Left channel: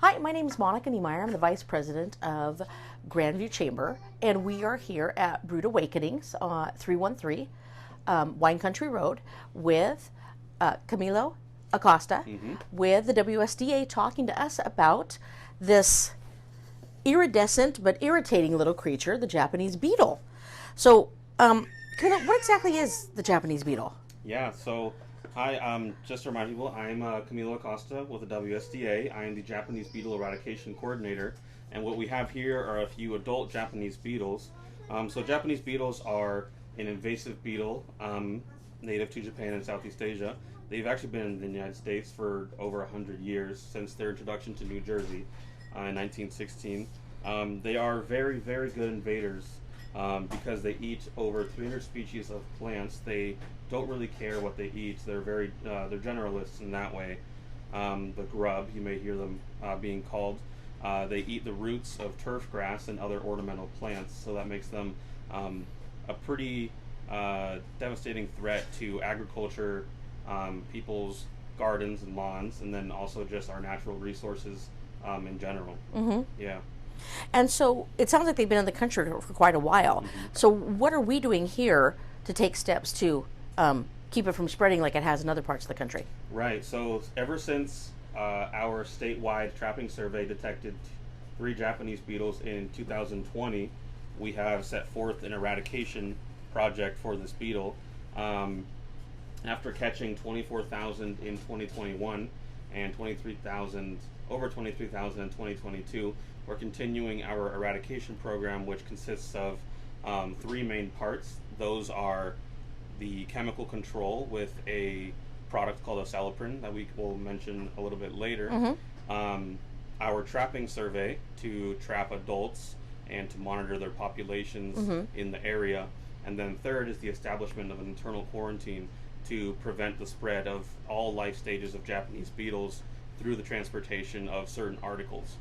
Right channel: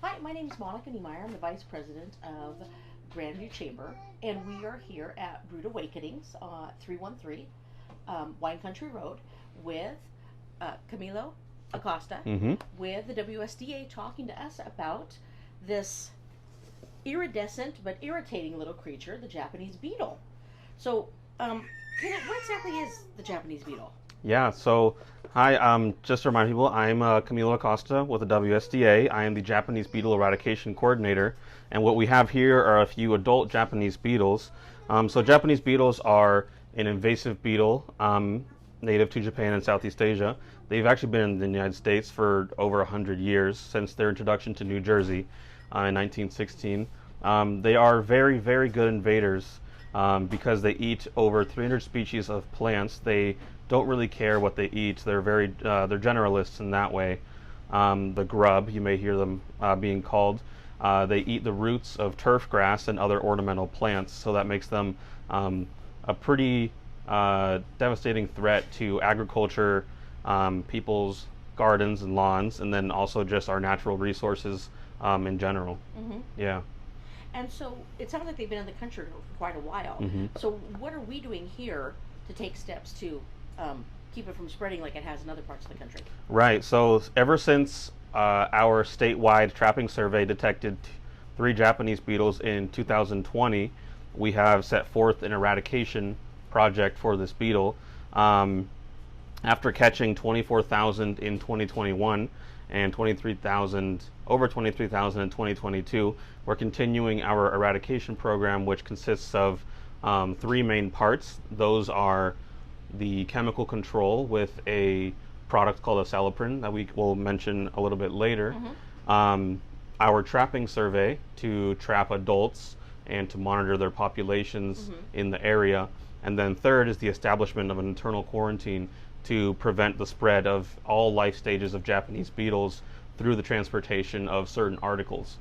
Hi, my name is Monica Niemeyer. I'm the Vice President of Grandview Chamber, and we are here at Brood Awakenings, 313 Wine Country Road with Camilo Acosta with the WSDA talking to us about this iridescent but irritating little creature, the Japanese beetle. So, Camilo, what exactly is the Japanese beetle? Yeah, so hi, just to remind people, I'm Camilo Acosta with the WSDA. I am the Japanese Beetle Eradication Coordinator, and what we have here are a few adult Japanese beetles. So Japanese beetles are an invasive beetle native to Japan and Southeast Asia. They've actually been in the United States for over 100 years, since their introduction to New Jersey in 1916. They are very, very good invaders because they eat over 300 species of plants. They don't really care what they eat. They're they're generalists in that way. The grub, you may hear them being called. They eat the roots of turf grass and other ornamental plants, so that makes them a pretty devastating threat to agriculture, people's gardens and lawns, and then also just our natural resources in general. Yeah. And so it sounds like they've been in the country for quite a while. So what are we doing here to take steps to keep it from spreading like it has in other parts of the country? Right. So ever since our statewide trapping survey detected 3 Japanese beetles in 2020, we have set forth an eradication project for this beetle. After catching 24,000 in 2021 and over 23,000 in 2022, we're continuing our eradication program, which consists of 3 main parts. Those are the chemical control with a product called Acelepryn that we will mention a little bit later. Our trapping survey to trap adults and to monitor their populations in the area. And then third is the establishment of an internal quarantine to prevent the spread of all life stages of Japanese beetles through the transportation of certain articles.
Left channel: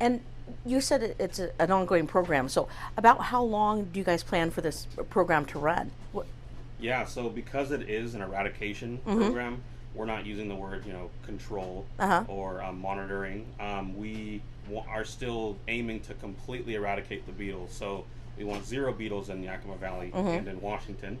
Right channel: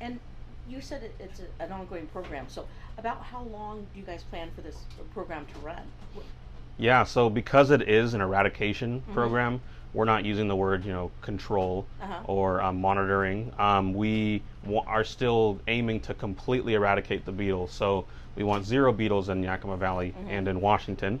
And you said it's an ongoing program. So about how long do you guys plan for this program to run? Yeah, so because it is an eradication program, we're not using the word, control or monitoring. We are still aiming to completely eradicate the beetles. So we want 0 beetles in Yakima Valley and in Washington.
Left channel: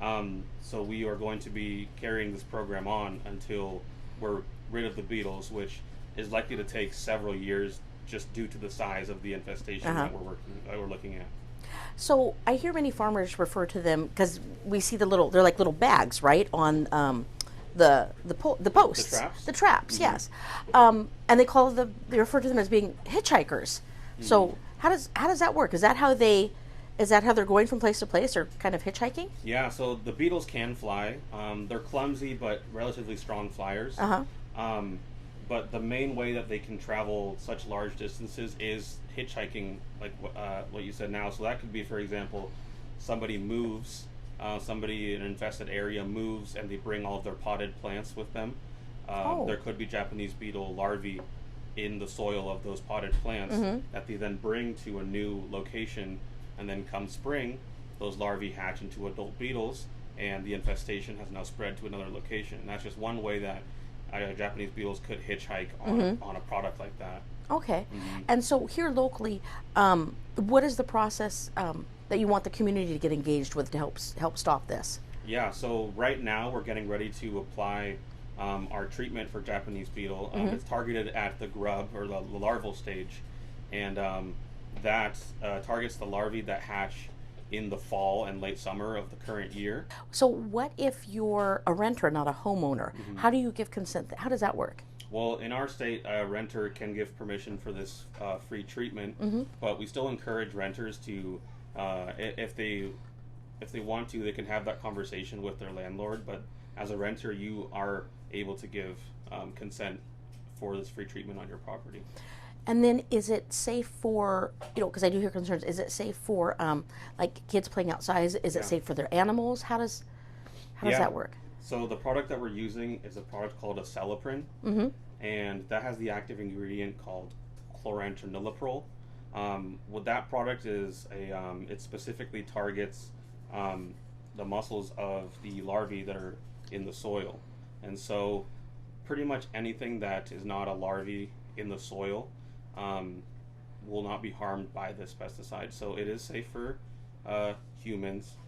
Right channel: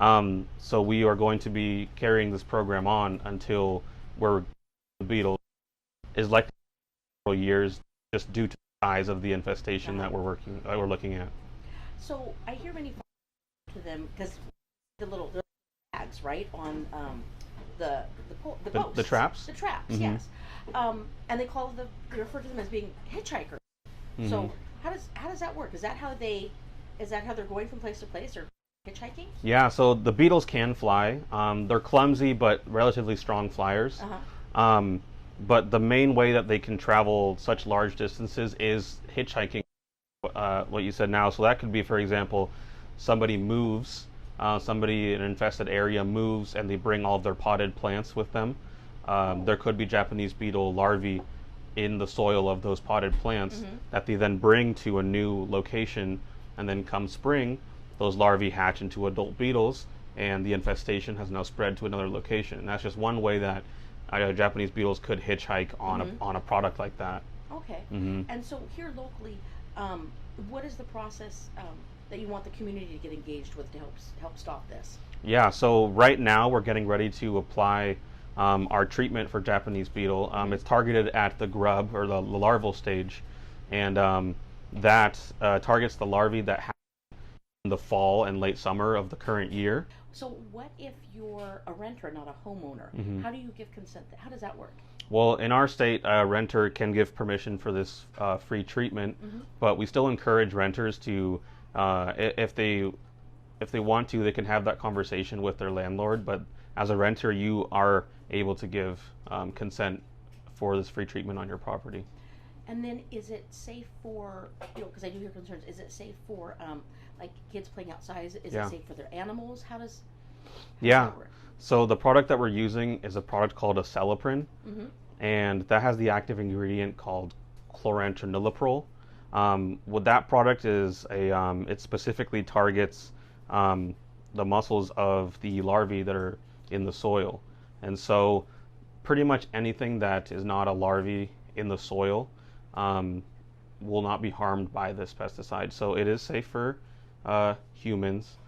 So we are going to be carrying this program on until we're rid of the beetles, which is likely to take several years just due to the size of the infestation that we're looking at. So I hear many farmers refer to them, because we see they're like little bags, right, on the posts. The traps? The traps, yes. And they refer to them as being hitchhikers. So how does that work? Is that how they're going from place to place, or kind of hitchhiking? Yeah, so the beetles can fly. They're clumsy but relatively strong flyers. But the main way that they can travel such large distances is hitchhiking, like what you said now. So that could be, for example, somebody moves, somebody in an infested area moves, and they bring all of their potted plants with them. There could be Japanese beetle larvae in the soil of those potted plants that they then bring to a new location, and then come spring, those larvae hatch into adult beetles, and the infestation has now spread to another location. And that's just one way that Japanese beetles could hitchhike on a product like that. Okay. And so here locally, what is the process that you want the community to get engaged with to help stop this? Yeah, so right now we're getting ready to apply our treatment for Japanese beetle. It's targeted at the grub, or the larval stage, and that targets the larvae that hatch in the fall and late summer of the current year. So what if you're a renter, not a homeowner? How do you give consent? How does that work? Well, in our state, a renter can give permission for this free treatment, but we still encourage renters to, if they want to, they can have that conversation with their landlord. But as a renter, you are able to give consent for this free treatment on your property. And then is it safe for, because I do hear concerns, is it safe for like kids playing outside? Is it safe for their animals? How does that work? So the product that we're using is a product called Acelepryn, and that has the active ingredient called chlorantraniliprole. What that product is, it specifically targets the muscles of the larvae that are in the soil. And so pretty much anything that is not a larvae in the soil will not be harmed by this pesticide. So it is safe for humans,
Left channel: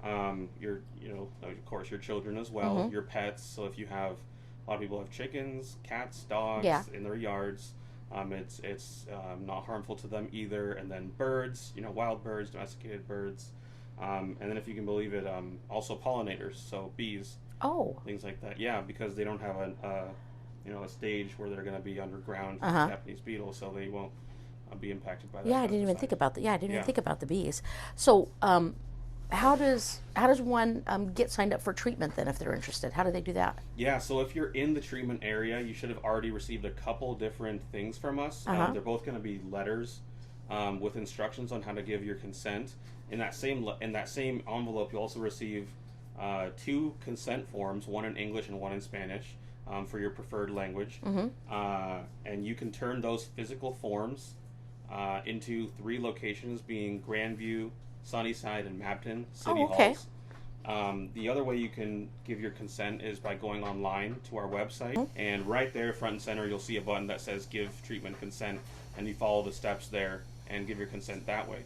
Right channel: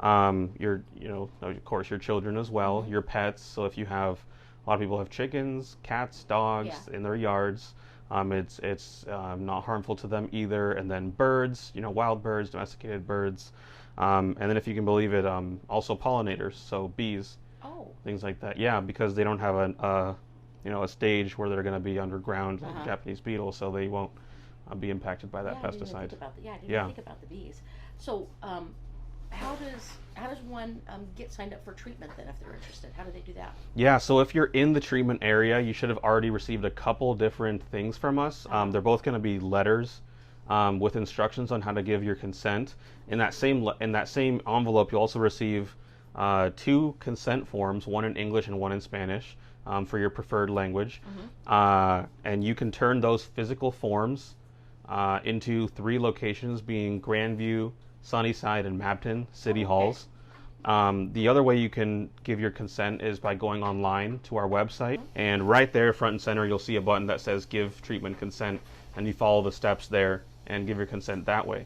of course, your children as well, your pets. So if you have, a lot of people have chickens, cats, dogs in their yards. It's not harmful to them either. And then birds, wild birds, domesticated birds. And then if you can believe it, also pollinators, so bees, things like that. Yeah, because they don't have a stage where they're going to be underground, Japanese beetles, so they won't be impacted by that pesticide. I didn't even think about that. I didn't even think about the bees. So how does one get signed up for treatment then if they're interested? How do they do that? Yeah, so if you're in the treatment area, you should have already received a couple different things from us. They're both going to be letters with instructions on how to give your consent. In that same envelope, you'll also receive 2 consent forms, one in English and one in Spanish, for your preferred language. And you can turn those physical forms into 3 locations, being Grandview, Sunnyside, and Mabton City Halls. The other way you can give your consent is by going online to our website, and right there, front and center, you'll see a button that says Give Treatment Consent, and you follow the steps there and give your consent that way.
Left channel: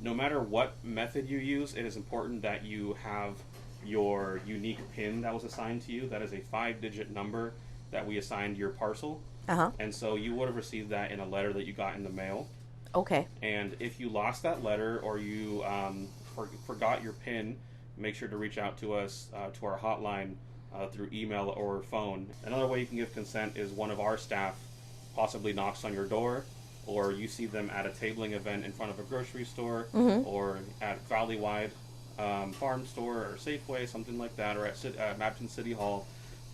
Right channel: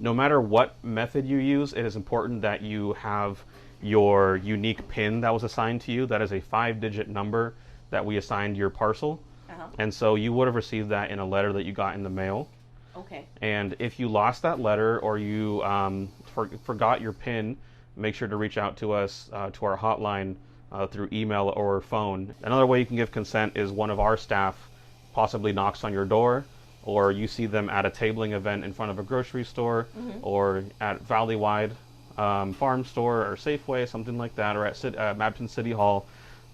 No matter what method you use, it is important that you have your unique PIN that was assigned to you. That is a 5-digit number that we assigned your parcel. And so you would have received that in a letter that you got in the mail. And if you lost that letter, or you forgot your PIN, make sure to reach out to us, to our hotline, through email or phone. Another way you can give consent is one of our staff possibly knocks on your door, or you see them at a tabling event in front of a grocery store, or at Valleywide Farm Store or Safeway, something like that, or at Mabton City Hall.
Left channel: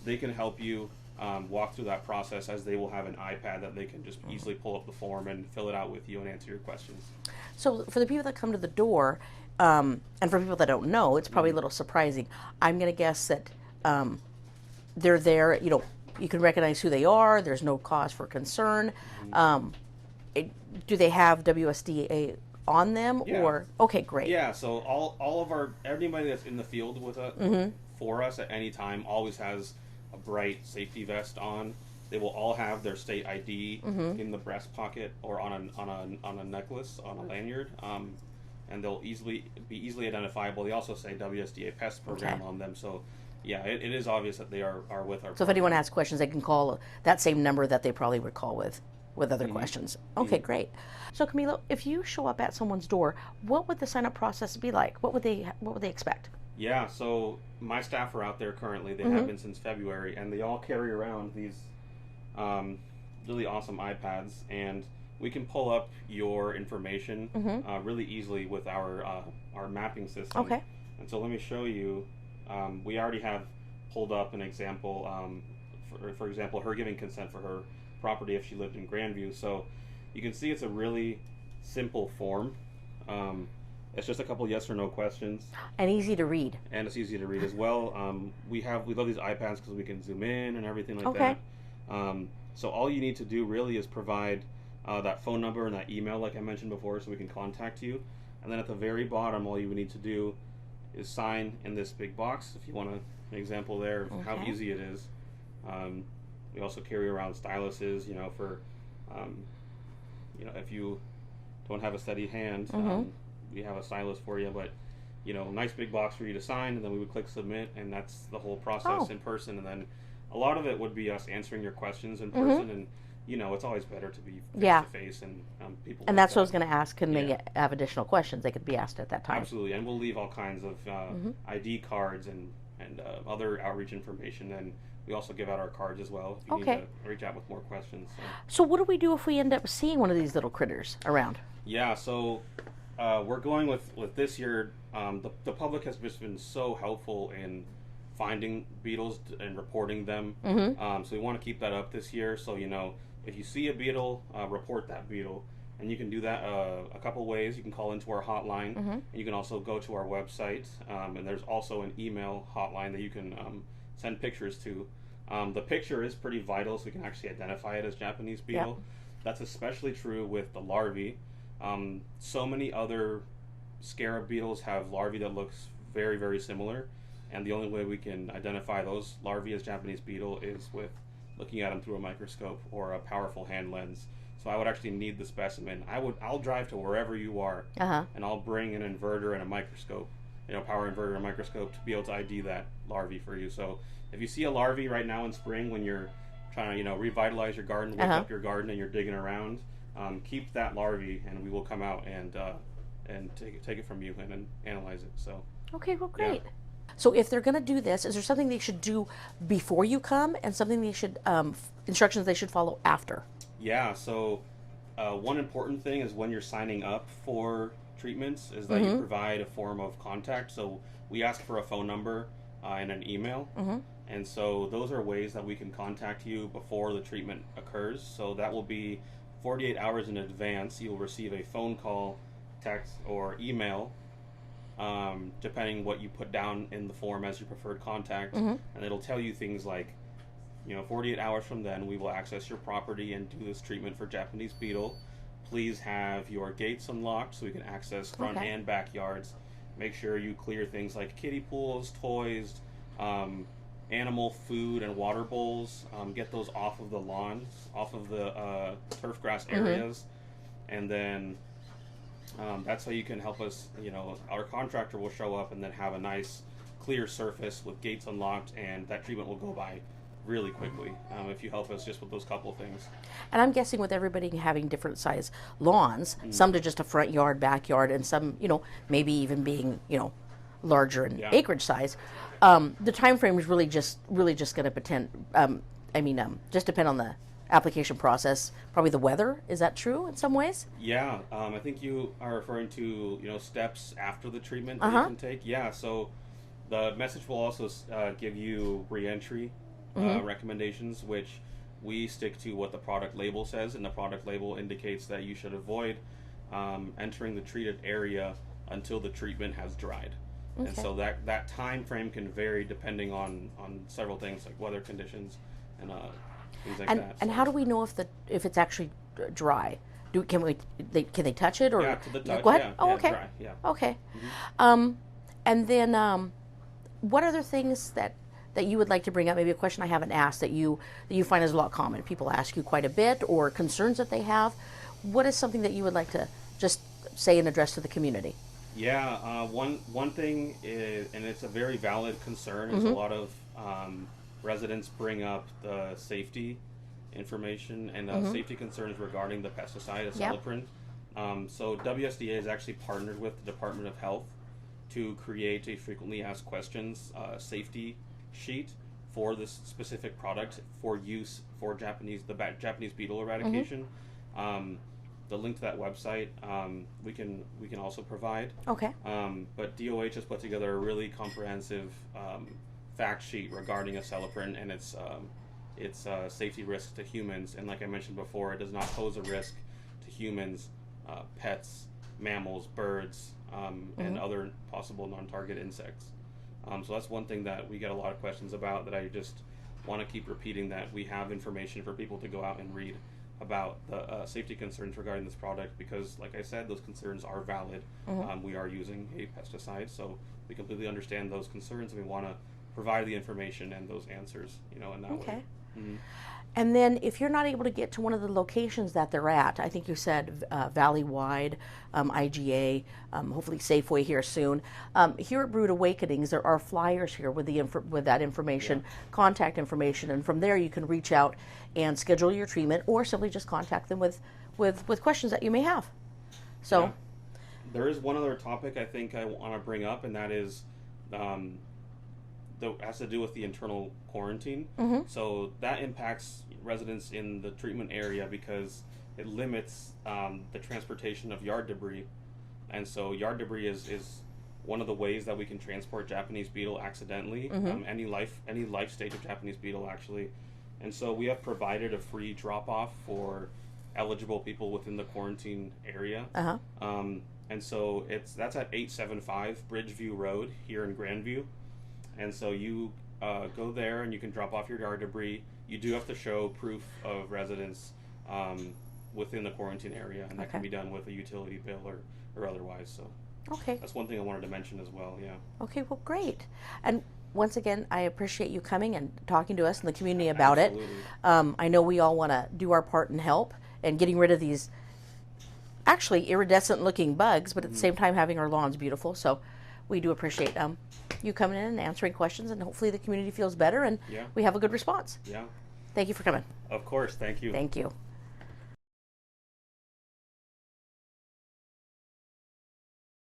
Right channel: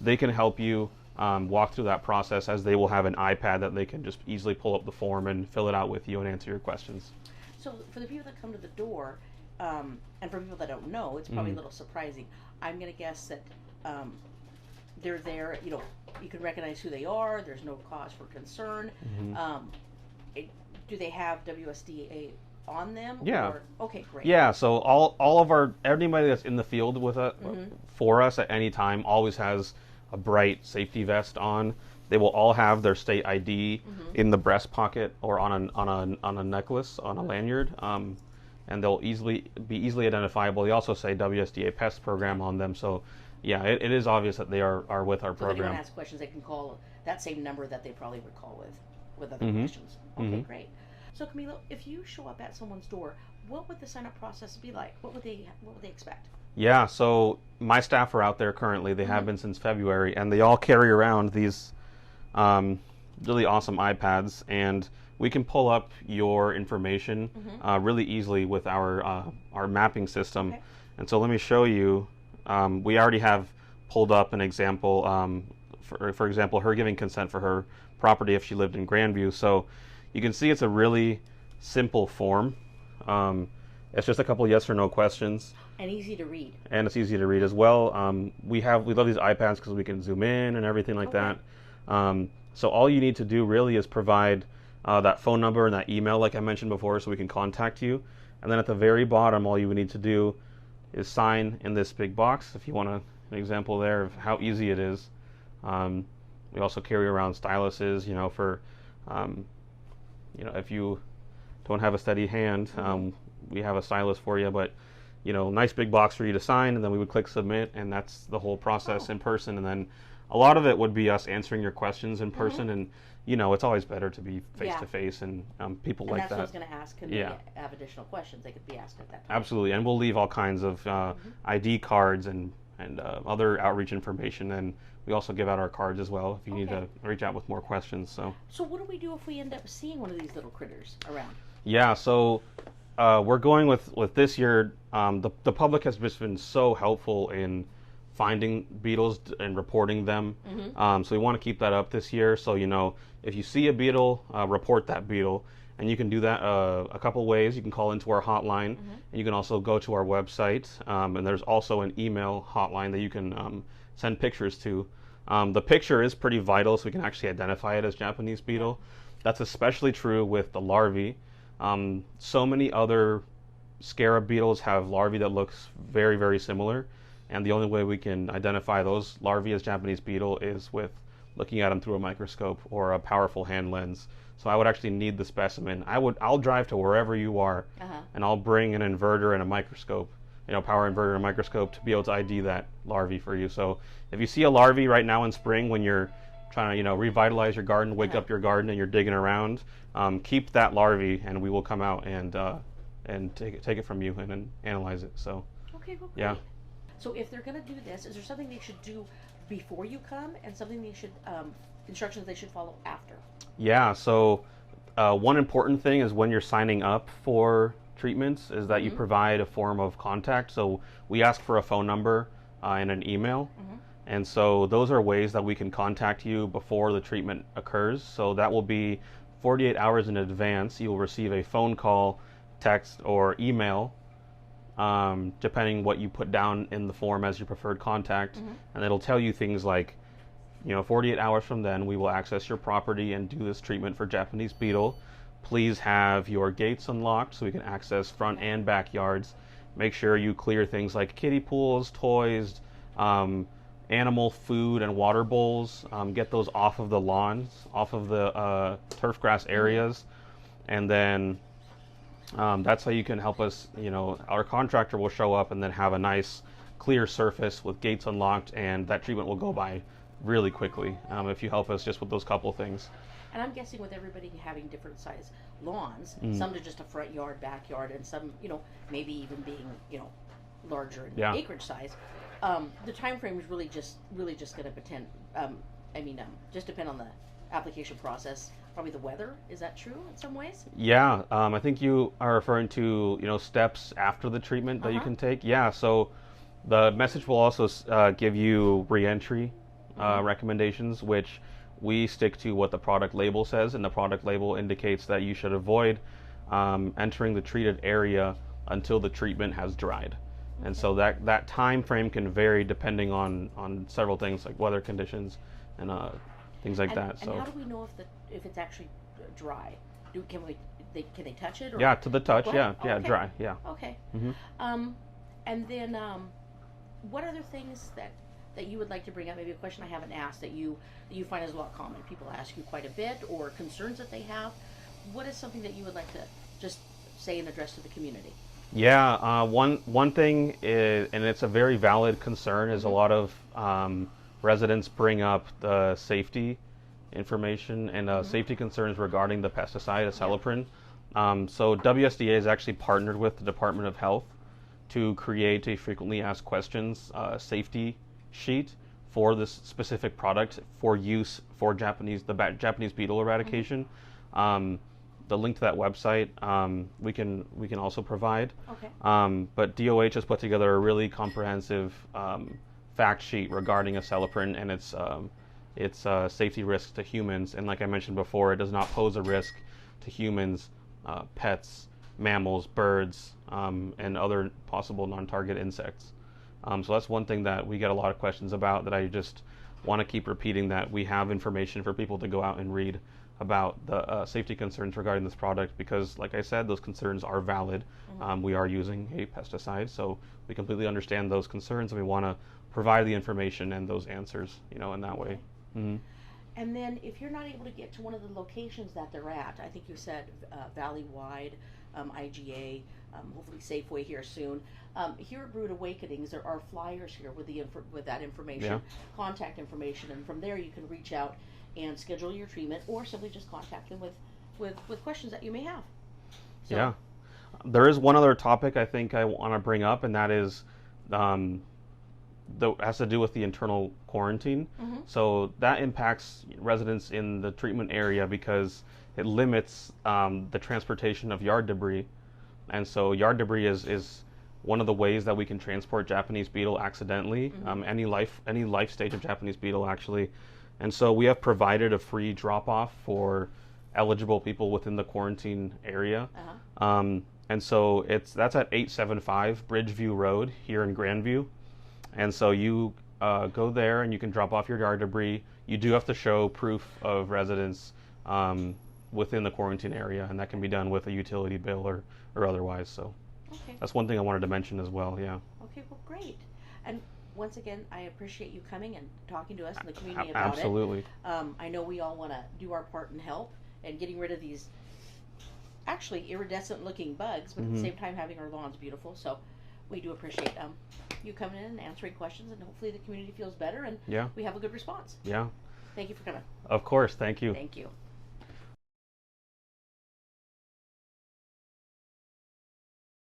They can help you walk through that process, as they will have an iPad that they can just easily pull up the form and fill it out with you and answer your questions. So for the people that come to the door, and for people that don't know, it's probably a little surprising. I'm going to guess that they're there, you can recognize who they are, there's no cause for concern. Do they have WSDA on them? Yeah. Or okay, great. Yeah, so all of anybody that's in the field with for us at any time always has a bright safety vest on. They will all have their state ID in the breast pocket or on a necklace, on a lanyard, and they'll be easily identifiable. They also say WSDA Pest Program on them. So yeah, it is obvious that they are with our program. So if anyone has questions, they can call that same number that they probably would call with other questions. Okay, great. So Camilo, if you show up at someone's door, what would the sign-up process be like? What would they expect? Yeah, so my staff are out there currently. They have been since February, and they all carry around these really awesome iPads, and we can pull up your information really easily with our mapping system. And so let me show you. We already have pulled up an example, for example, her giving consent for her property if she lived in Grandview. So you can see it's a really simple form. It's just a couple yes or no questions. And easy to read. And it's easy to read as well. We love these iPads because we can zoom in and everything like that. So all you need to do really is provide that phone number and that email like I mentioned before, so we can contact you. And then at the very bottom, all you would need to do is sign in this big box, if you want an example there of how easy it is. We also carry around styluses, for, if you don't have a steady hand, we have a stylus for you, but, nice big box for you to sign, and then we would click submit, and that's the whole process in person. And then a lot of it would be us answering your questions in person, and, it's always better to be face-to-face, and people like that. And that's what I was going to ask. Can they have additional questions? They could be asked at that time. Absolutely, and we'll leave all kinds of ID cards and other outreach information, and we also give out our cards as well if you need to reach out with more questions. So what do we do if we end up seeing one of these little critters around? Yeah, so we're going with this year. The public has just been so helpful in finding beetles and reporting them. So we want to keep that up this year. So if you see a beetle, report that beetle. And you can do that a couple ways. You can call into our hotline, and you can also go to our website, and there's also an email hotline that you can send pictures to. The picture is pretty vital, so we can actually identify it as Japanese beetle. That's especially true with the larvae. So many other scarab beetles have larvae that looks very, very similar, and the only way we can identify those larvae as Japanese beetle is with looking at them through a microscope or a powerful hand lens. So I would actually need the specimen. I'll drive to wherever you are, and I'll bring an inverter and a microscope, power inverter and a microscope to be able to ID that larvae for you. So if you see a larvae right now in spring when you're trying to revitalize your garden, wake up your garden, and you're digging around, keep that larvae, and we will come out and take it from you and then analyze it. So okay, well, great. Yeah. So if they're going to do this, is there something they should do before you come and something they should instructions they should follow after? Yeah. So one important thing is when you're signing up for treatments is that you provide a form of contact. So we ask for a phone number and an email. And so those are ways that we can contact you before the treatment occurs. So that will be 48 hours in advance. You will receive a phone call, text, or email, depending what you put down in the form as your preferred contact. And it'll tell you things like, 48 hours from then, we will access your property and do this treatment for Japanese beetle. Please have your gates unlocked so we can access front and backyards. Make sure you clear things like kiddie pools, toys, animal food and water bowls. Get those off of the lawn, off of the turf grass areas. And then that's how you can help us. Our contractor will show up and then have a nice clear surface with gates unlocked, and that treatment will go by really quickly if you help us just with those couple things. And I'm guessing with everybody having different size lawns, some to just a front yard, backyard, and some, maybe even being, larger in acreage size, the time frame is really just going to just depend on the application process, probably the weather. Is that true in some ways? Yeah, I think you are referring to steps after the treatment that you can take. Yeah, so the message will also give you re-entry recommendations, which we stick to what the product label says, and the product label indicates that you should avoid entering the treated area until the treatment has dried. And so that time frame can vary depending on several things like weather conditions and things like that. And how do we know if it's actually dry? Can they touch it? Or yeah, to the touch. Yeah, dry. Yeah. Okay. And then what other things that you would like to bring up? Maybe a question I haven't asked that you find is a lot common. People ask you quite a bit, or concerns that they have. What is something that you would like to just say and address to the community? Yeah, one thing is, and it's a very valid concern, is a lot of residents bring up the safety information and safety concerns regarding the pesticide Acelepryn. So WSDA has actually partnered with the Department of Health to create a frequently asked questions safety sheet for this specific product for use for Japanese beetle eradication. The link to that website we can also provide. Okay. But DOH has put together a really comprehensive fact sheet regarding Acelepryn and its safety risks to humans. And like I mentioned before, it does not pose a risk to humans, pets, mammals, birds, and other possible non-target insects. So that's one thing that we get a lot of questions about, that I just want to keep repeating, that we have information for people to go out and read about the safety concerns regarding this product, because like I said, those concerns are valid. We are using a pesticide, so we completely understand those concerns, and we want to provide the information and those answers, in that way. And then if you're not able to get to one of the locations that they're at, I think you said Valley-wide, IGA, hopefully Safeway here soon. Here at Brood Awakenings, there are flyers here with that information, contact information, and from there you can reach out and schedule your treatment, or simply just contact them with questions that you may have. So, there is one other topic I think I want to bring up, and that is has to do with the internal quarantine. So that impacts residents in the treatment area because it limits the transportation of yard debris. And so yard debris is one of the ways that we can transport Japanese beetle accidentally, any life stage of Japanese beetle actually. And so we have provided a free drop-off for eligible people within the quarantine area. And so that's at 875 Bridgeview Road here in Grandview. And so you go there and you can drop off your yard debris. You do have to show proof of residence within the quarantine area, and that can be done with a utility bill or otherwise. So that's one thing I wanted to mention as well. Yeah. Okay, well, great. And once again, I appreciate you coming and talking to us in the community about Absolutely. it. I know we all want to do our part and help and getting rid of these actually iridescent looking bugs, but at the same time having our lawns beautiful. So we do appreciate you coming in and answering questions, and hopefully the community feels better and Yeah. we have a good response. Yeah. Thank you for coming. Of course. Thank you. Thank you.